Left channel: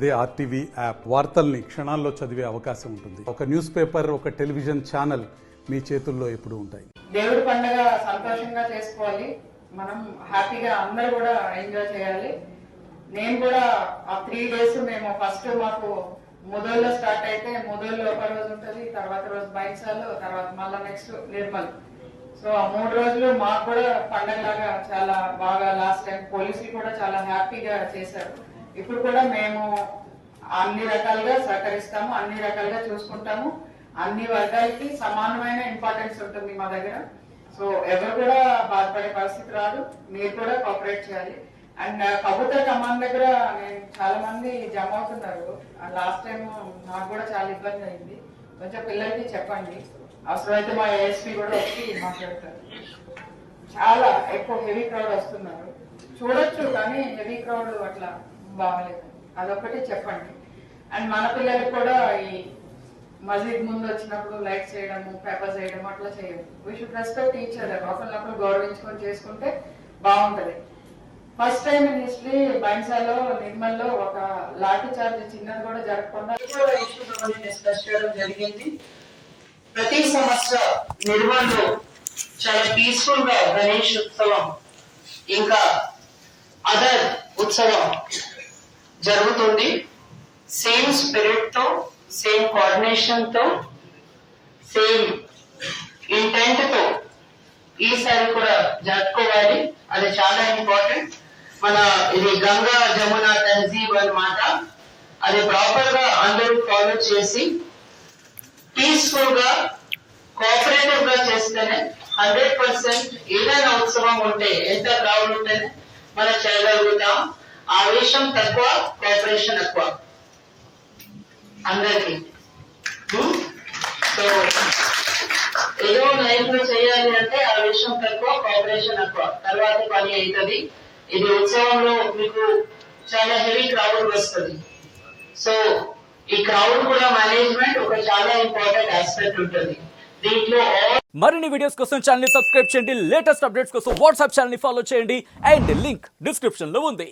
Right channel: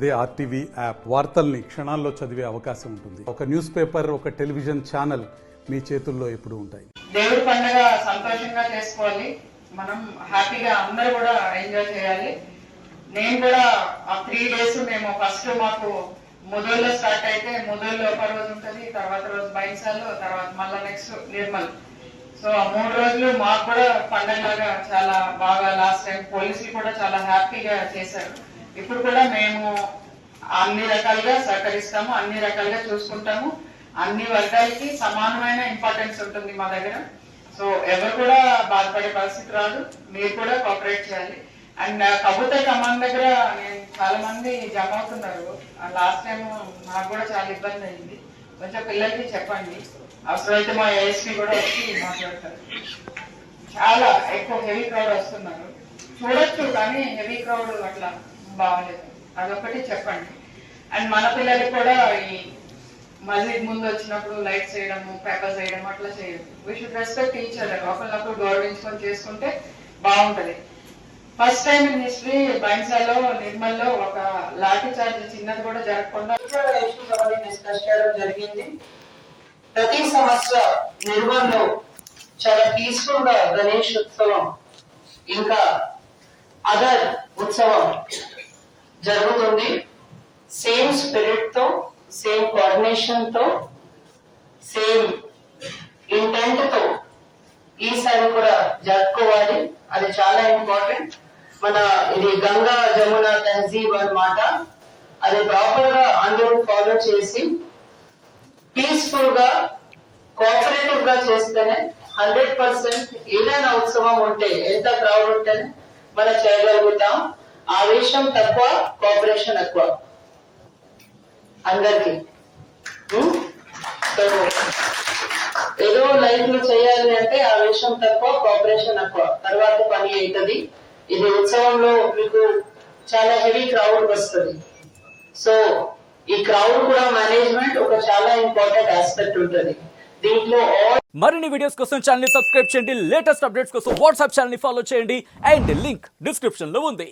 అదే RTV app వార్తల్ని క్షణాల్లో చదివే అవకాశం ఉంటుంది. ఒక న్యూస్ పేపర్, ఒక టెలివిజన్ ఛానల్ మీ చేతుల్లో ఎప్పుడు ఉంటాయి. దేవుడి పండుగ సంతోషంగా చేసుకోవాలి, మనం హ్యాపీగా అందరూ కూడా ఎంజాయ్ చేయాలి. నేను కూడా ఆ 3 days మేము ఫస్ట్ మాకు ముదల్లో స్టార్ట్ అయితే ముదల్లో ఒక రోజు ఉంటుంది, తర్వాత రోజు బైన్సాలు, తర్వాత మళ్ళీ నెక్స్ట్ నిర్మల్. సో ఆ 3 రోజులు మాకు కూడా పండగలాగా చాలా బాగా లాస్ట్ టైం పోలీసులు కూడా చాలా హ్యాపీగా చేశారు. ఇప్పుడు కూడా మేము అన్ని రకాలుగా సహకరిస్తాము, అన్ని రకాలుగా చూసుకుంటాము. అన్ని వర్గాలకి సమానమైన ఇంపార్టెన్స్ ఉంటుంది మా దగ్గర. సో ఎవరు కూడా బాధపడే పరిస్థితి రాదు, మీరు కూడా కోఆపరేట్ చేయాలి. అండ్ కబూతర్ కమాండ్ దగ్గర నేను చాలా మంది జమ అవుతున్నారు. లాస్ట్ టైం నాకు కూడా చాలా ఇబ్బంది అయింది. కొంచెం పిల్లలకి చెప్పండి, అవసరమైతే మా ఏఎస్పీ కూడా వచ్చి మాట్లాడతారు. చాలా ఎక్కువ హెవీ క్రౌడ్ వస్తున్నారు, చూడొచ్చు కానీ హెవీ క్రౌడ్ అట్లా బాగలేదు, అదొకటి చెప్పండి. అండ్ మన పిల్లలకి కూడా ఈ మస్జిద్ ముందు వచ్చినప్పుడు లైట్స్ చేయడము, పేపర్స్ వేయడం అట్లా చేయదు. We should respect each other. ఒకరినప్పుడు గౌరవించుకొని చేసుకుంటే బాగుంటది. ఫస్ట్ టైం ఇన్ హిస్టరీ బైన్సాలో, నిర్మల్లో ఒక లాఠీ చార్జ్ చిన్నది కూడా జరగకుండా డిస్కస్ చేయడం జరిగింది. ప్రతి సంవత్సరం నిర్మల్లో చాలా పీస్ఫుల్ గా గణేష్ ఉత్సవం ఇంకా అదర్ ఉత్సవం జరుగుతుంది. సేమ్ స్పిరిట్ తో, సేమ్ కోఆర్డినేషన్ తో, సేమ్ ఇంటెంట్ తో ఈసారి కూడా జరుపుకోవాలి. అది చాలా ఇంపార్టెంట్. మన ఇది గంగా జమున తహజీబ్ అన్నమాట. అది ప్రాపర్ గా అందరూ ఫాలో చేసి పీస్ఫుల్ గా కోఆపరేటివ్ గా చేస్తేనే 100% ఏదైనా ఉత్సవం ఉంటే ఎంత క్రౌడ్ ఉంటేనే మనం చేయగలుగుతాం. ఆవేశం తక్కువ, కోఆపరేషన్ ఎక్కువ అందరికి. సో ఏదో లైఫ్ లో చేయాలి అంటే ఆవేశం తక్కువ, కోఆపరేషన్ ఎక్కువ, తర్వాత పని అవుతుంది. ఇది ఉత్సవంలో మీకు చాలా హెవీ క్రౌడ్ వస్తుంది. సో ఈ క్రౌడ్ కూడా మేనేజ్మెంట్ ఒక చాలా ఇంపార్టెంట్ ఆస్పెక్ట్ ఉంటుంది దీంట్లో. మరిన్ని వీడియోస్ కోసం ఛానల్ ని సబ్స్క్రైబ్ చేయండి, లేటెస్ట్ అప్డేట్స్ కోసం వాట్సాప్ ఛానల్ ని ఫాలో చేయండి అండ్ లింక్ డిస్క్రిప్షన్ లో ఉంది.